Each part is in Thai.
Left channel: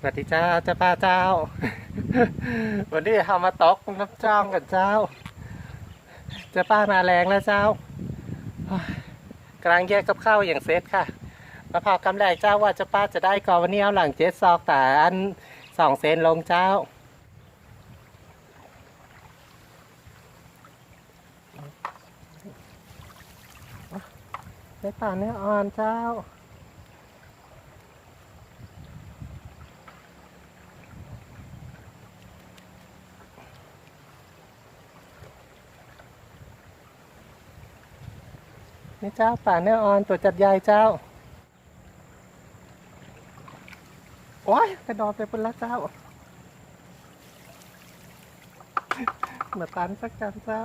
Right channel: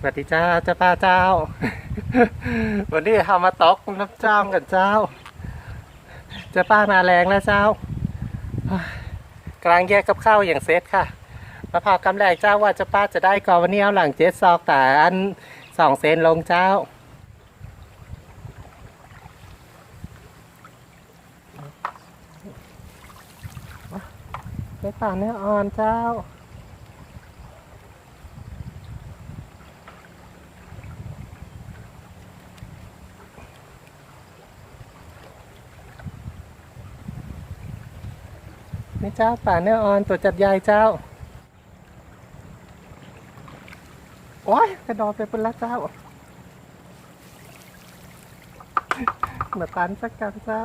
สวัสดีเจ้าเจ้าป้าเจ้า วันนี้เรามาตกน้ำจ้องกันเจ้า เจ้าป้ามาแรงแล้วเจ้ากลังแยกกับข้าวอย่างเซตค่ะมะพร้าวกำแรกเจ้าว่าเจ้าป้าจะได้ก่อนวันนี้เอาหลังเจ็ดซอกแต่อันสองเซนลงเจ้าเนื้อป่าเนื้ออ่อนเจ้า นี่เจ้าป่าเนื้ออ่อนตัวจับใหญ่เจ้า โอ้ยกระดอไปเป็นละเจ้ามาตันสักกันเจ้า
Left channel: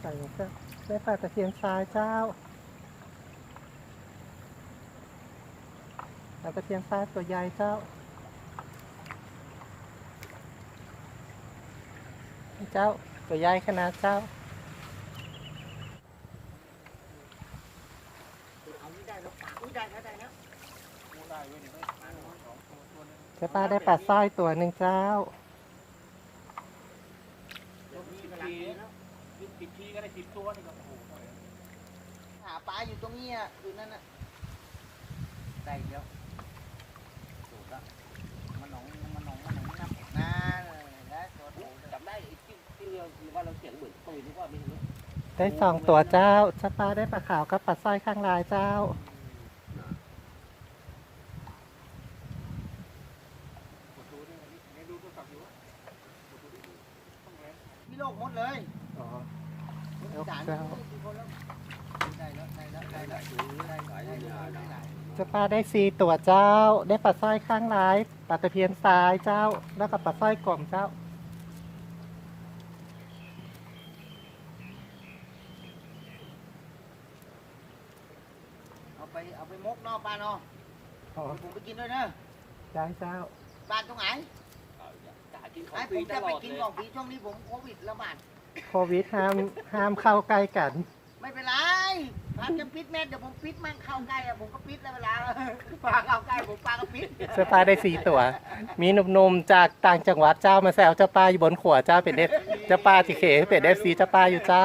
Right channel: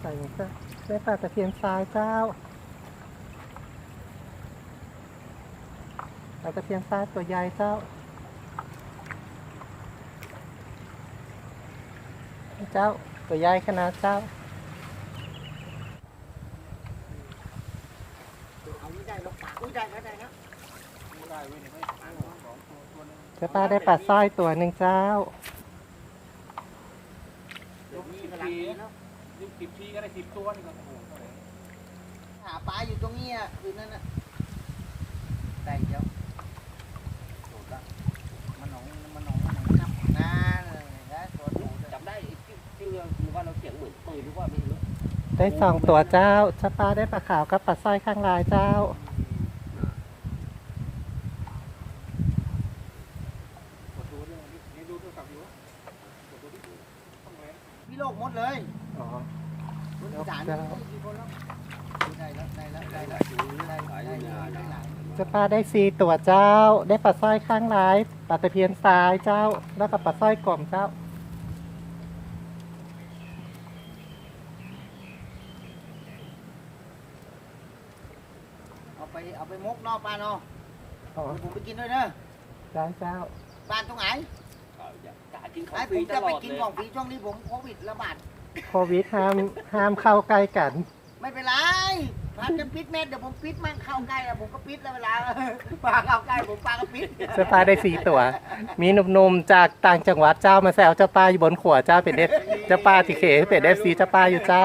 ใส่ลงไปได้ปลาตะเพียนทรายเจ้าปลา ตะเพียนทรายตัวใหญ่เจ้าเจ้าตัวใหญ่ขนาดเจ้าเจ้าป้าได้ปลาสร้อยตัวหนึ่งเจ้าสิบทีก็ได้สิบตัวหาปลาอยู่ตรงนี้อะอยู่นั่นน่ะได้เดียวโดดละมันหนองมันหนองมันหนองจับงาเลยนะตัวโดด จับได้ไอ้ที่ที่ เราหรือว่าเราเสียงเหมือนปืนหรือว่าไม่รู้ได้สองตัวเจ้าเจ้าป้าได้ปลาขาวกับปลาสร้อยข้างลายเจ้า พี่โลกหมดเลยอ๋อคนอีสานเจ้ากี่คนแล้วได้แล้วได้แล้วได้แล้วได้แล้วได้แล้วได้แล้วเจ้าป้าได้สี่ตัวเจ้า ได้ปลาสร้อยข้างลายปลาตะเพียนทรายเจ้า แล้วก็ปลาสร้อยกลมเจ้า เอา ไปเอาไปมกเนอกปลาเนาะอ๋อผมไปกินด้วยเนอะเจ้าเจ้าปลาตรงไหนจะกินของไอ้ฟผรีมตจะลไปอดกินเลยของฟรีช่วงนี้ผมโควิดระบาดโควิดห้ามห้ามเข้าใกล้กัน ไม่เป็นไรร้านจะปิดเม็ดเดี๋ยวผมปิดมั่งเข้าใกล้อะผมก็ปิดแล้วเวลาปลาเข้าใกล้ผมปลาก็ปิดเจ้าป้าได้สี่ตัว มีหนุ่มๆจากต่างจังหวัดเจ้ามาแซวเจ้าป้าอยู่บนขวเจ้าเป็นเอฟเจ้าป้าที่เขเป็นเอฟซีเจ้าป้าอยู่เจ้า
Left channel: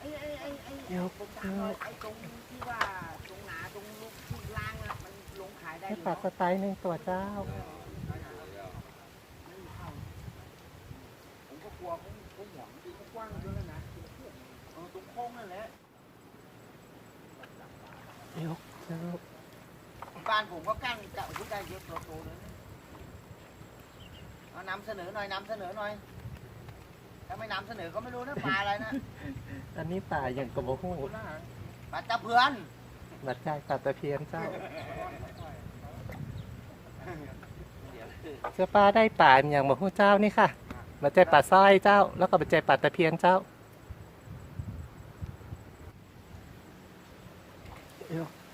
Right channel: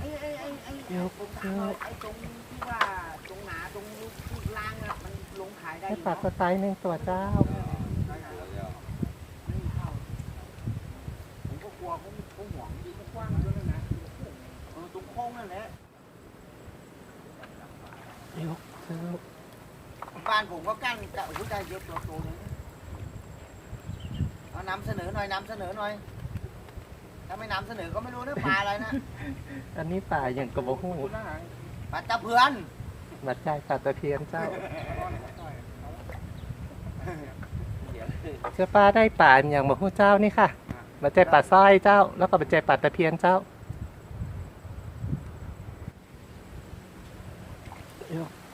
ไอ้ไอ้ไอ้ไอ้ผมถามว่าไอ้ตรงที่ว่าตรงหนาตรงลูกที่ล่างอะมันลงขาย ได้ได้อยู่ปลาสไตล์หนึ่งตัวเจ้า ผมก็กลัวเขาเขาหวงดีเขากว้างเยอะเลยนะเออตรงโค้งนั่นแหละบ้านผมก็กั้นจะโอ้โหได้เยอะตัวโตเลยนะเอานำเสนอหน่อยนำเสนอหน่อยถ้าไม่นำเสนอก็ไม่รู้นะปลาอะไรนะอันนี้ป่าอย่างกระบอกหูปลาตะเพือนบัดใจปลาตะเพียนเจ้า เจ้าป้าได้ป่าอย่างบะหูเจ้านี่ค่ะ มาเจอป่าสร้อยเจ้า แล้วก็มาเจอป่าตะเพียนเจ้า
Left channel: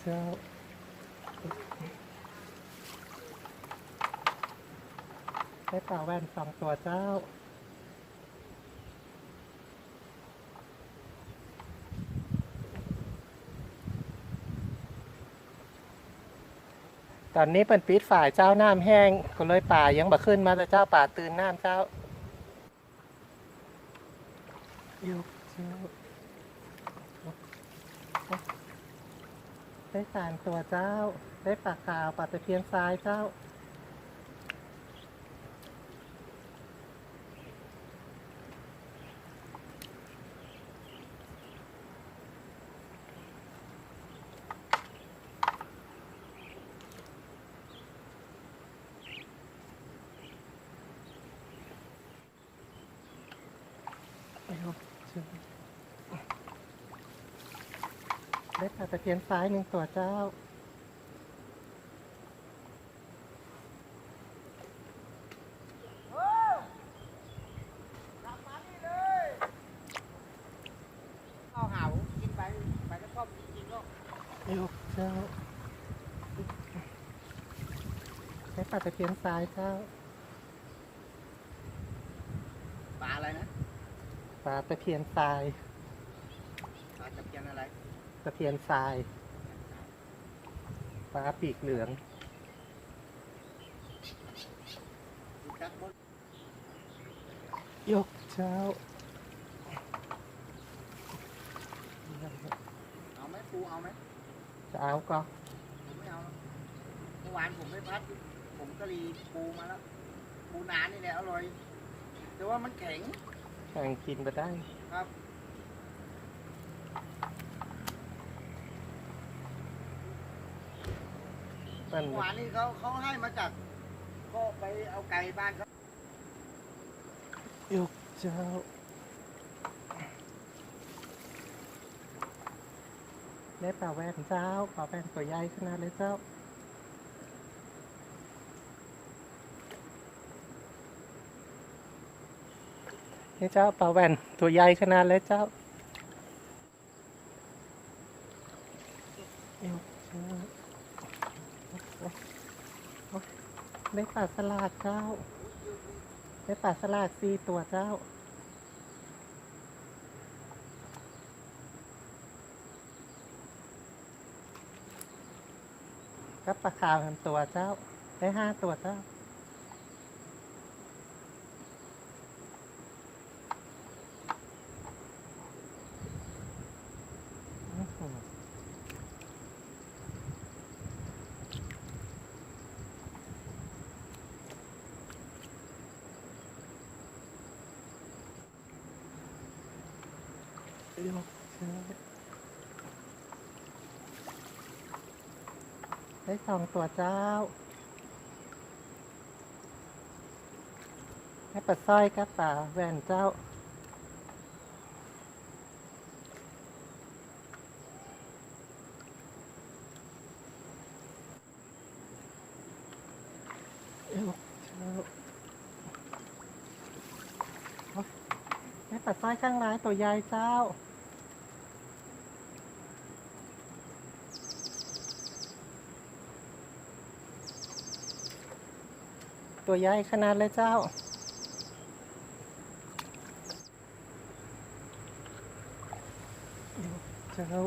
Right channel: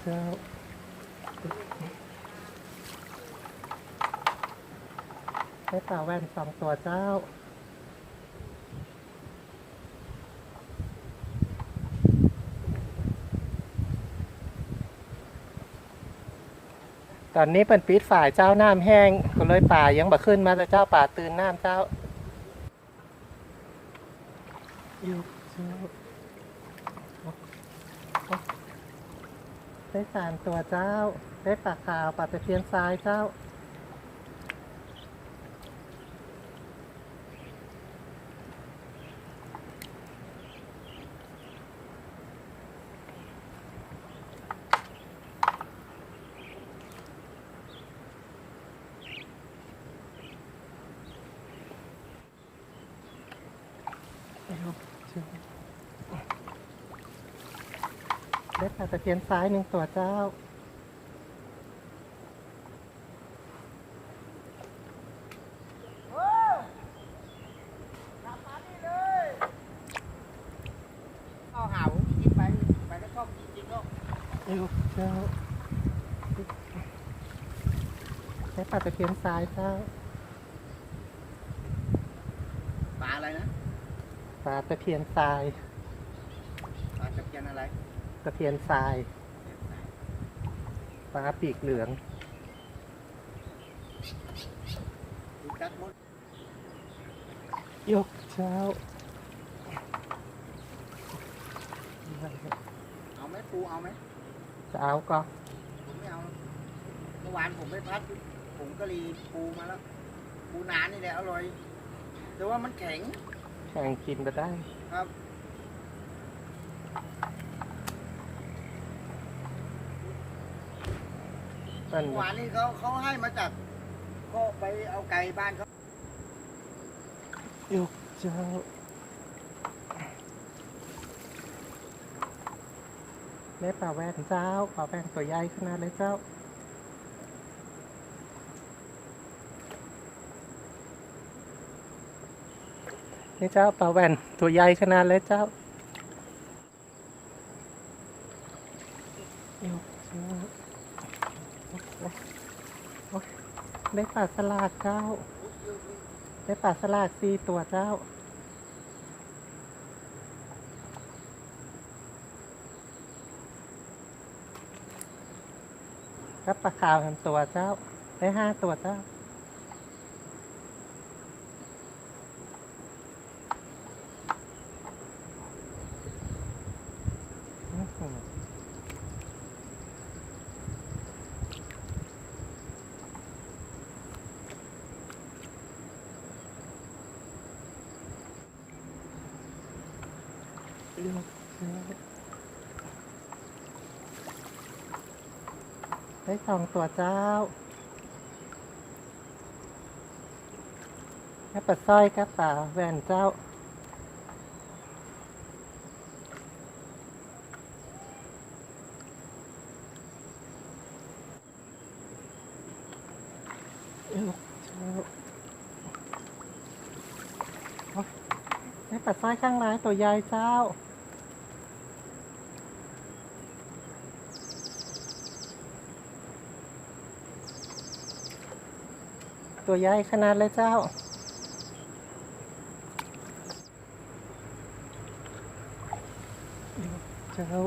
เจ้าได้ป่าแว่นสองตัวเจ้า ตอนนี้เป็นปีดฝ่ายเจ้าน้ำแห้งก็เลยป่ายังบ่ขึ้นมาแต่เจ้าป่าตื่นน้ำเจ้าอยู่เจ้าได้สามตัวเจ้า ได้ปลาขาวปลาตะเพียนทรายเจ้า ได้ปลาตะเพียนซ้ายหนึ่งตัวเจ้า เอาหากินไปไปก็ชอบจริงๆก็อีกเจ้าได้ปลาตะเพียนซ้ายเจ้า ปลาตะเพียนทราย ปลาตะเพียนอะไรตะเพียนทรายปลาปีกเหลือง ดูจักมดยกเช้าเอาไหมปูเอาไหมจะเอาก็ผมไม่เอาเมื่อวานผมไปพัดอยู่ผมก็รีปูมาแล้วปูนานี่แหละอร่อย แต่ว่ามันแข็ง แข่งกินก็ได้ครับนั่นเมื่อวานนี้เขาเขาให้มาจากก็ไปเอาไก่บ้านเขายกเช้าได้ปลาแว่นเจ้าปลาแว่นตัวใหญ่ขนาดเลยเจ้า นี่เจ้าปลาแว่นตัวใหญ่ขนาดเลยเจ้าได้ปลาสลากเจ้า ได้ปลาสลากสี่ตัวเจ้าก็ปลาขาวทำตัวเจ้า ได้ห้าตัวเจ้า อื้อหือ เลือกเลือได้สองตัวเจ้าแล้ปลาสร้อยกับปลาแหวนเจ้า ได้ปลายข้างร้านตัวใหญ่เจ้า ตัวใหญ่ขนาดเลยเจ้าเจ้า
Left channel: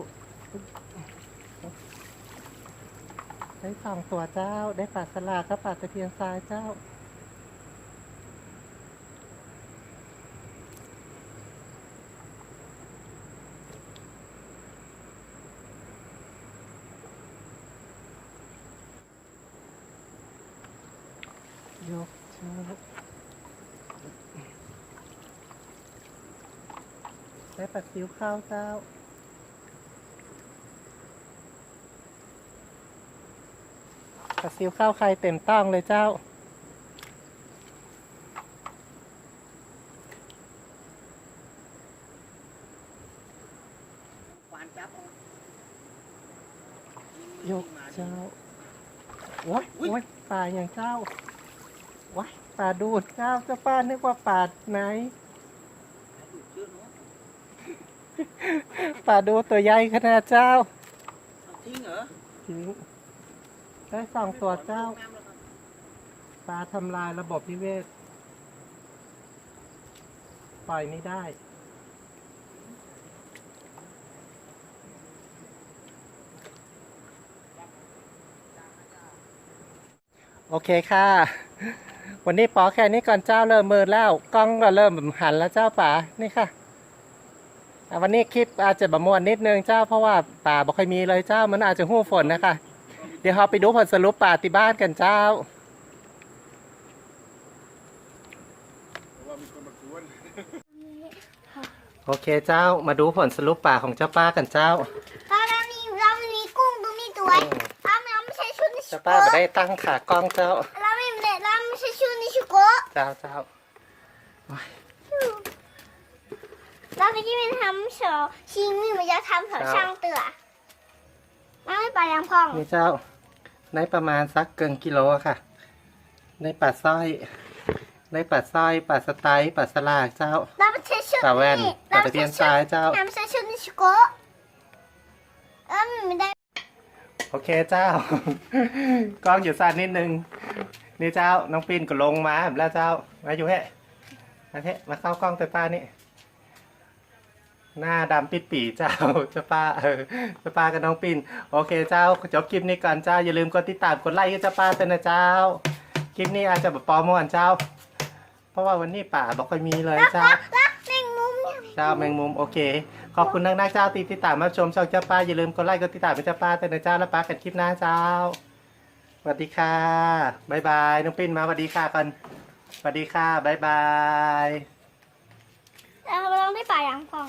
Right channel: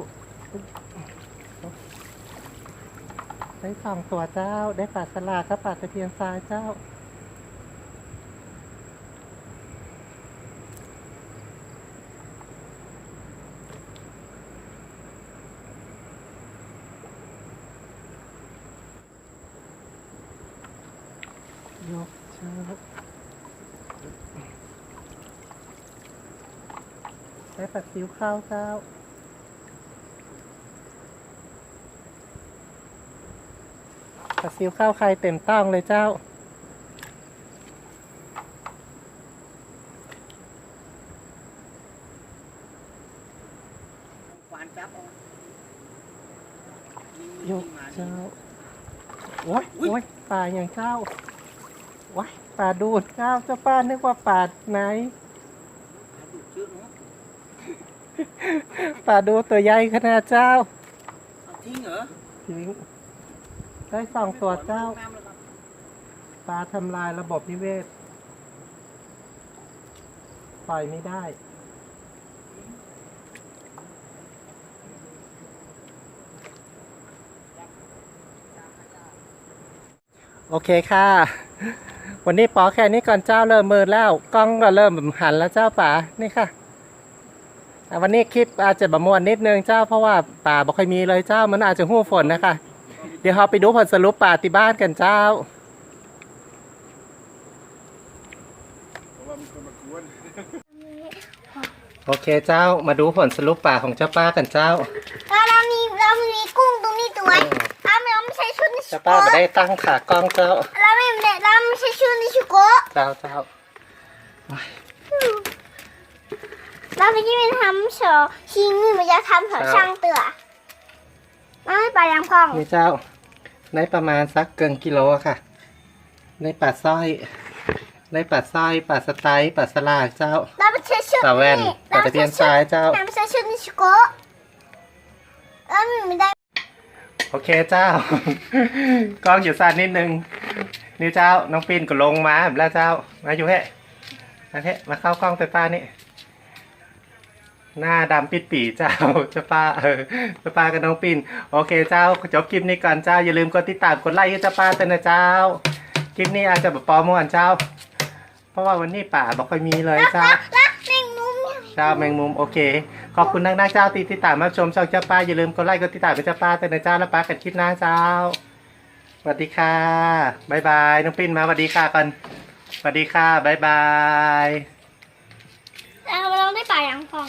ได้สองตัวเจ้าได้ปลาสลากับปลาตะเพียนทรายเจ้า ยกเชือกได้ปัดซิวข้าวเจ้าปัดซิวข้าวใครเต็มต้องเลยเจ้าฟานจับเอายกเจ้าโอ้ยโอ้ยปลาอย่างเจ้าว้าย ปลาดูดเจ้าเจ้าป้านึกว่าปลาไหนดูดเชือกเนาะปลาดูตัวใหญ่ขนาดเจ้าเอาทิ้งเหรอทิ้งได้สองตัวเจ้าน้ำแล้วครับปลาทำลายระบบนิเวศ ปล่อยไม่ได้โอเคค่ะ วันนี้ปอแค่นี้ก่อนเจ้าเริ่มมืดแล้วกล้องก็เริ่มหันแล้วเจ้าป่านี่ค่ะอะวันนี้คลิปอาจจะบะมวนนิดนึงเจ้าเพราะว่าป่าบ่ค่อยมีเลยเจ้ามันอาจจะหู้ฝนนะคะ เดี๋ยวเราไปดูผลสรุปป่าที่บ้านกันเจ้าโอเคเจ้ามาดูผลสรุปป่าของเจ้าป้ากันเจ้าแล้วเรามีเรามีกุ้งตรงนี้ตัวเราเราไม่ใช่ชุดนิชิเจ้าโกป้าไม่ได้ตั้งขากล้องเจ้าเราไม่ได้เราไม่ใช่ชุดนิชิโก เจ้าเจ้าเราไม่ได้ทำเฉอชิงนี่มันจะทำเฉอช่างเตือเราไม่ไปยังพ่องนี่เจ้าในประมาณสักเกินกิโลอะค่ะในป่าสร้อยในป่าสร้อยป่าสไตล์ป่าสลากเจ้าเราไม่ใช่ชุดป่าแว่นป่าตะเพียนทรายเจ้าเราไม่ใช่ชุดนิชิโกเราไม่ได้ โอเคเจ้ากล้องอยู่สั้นนิดนึง นี่เจ้าน้องปินก็ลงมาแล้วเจ้ามาอยู่เฮ้มาเฮ้มาเข้ากล้องไปป้านี่หน้าดำปิดปีเจ้าเจ้าป้าเออเจ้าป้ากับน้องปิ่นโอเคเจ้าจบคลิปนี้ก่อนเจ้าอย่าลืมกดติดตามกดไลค์ให้เจ้าป้าเต้นนะเจ้าคลิปนี้อาจจะแบบปลอมเมื่อวานเจ้า เพราะว่าวันนี้ป่าบอกค่อยมีเลยเจ้ารักแมงมุมเนี่ยเจ้าแมงมุมโอเค ขอบคุณนักนักๆเจ้าที่ติดตามรับชมช่องเจ้าป้าอย่าลืมกดไลค์กดติดตามเป็นเจ้าป้าเต้นนะเจ้าแล้วป้ากันคลิปหน้าเจ้าส วัสดีค่ะบายบายน้องปิ้นมาสวัสดีค่ะก่อนสวัสดีค่ะบายบาย เราเราได้ป่ายังฟอง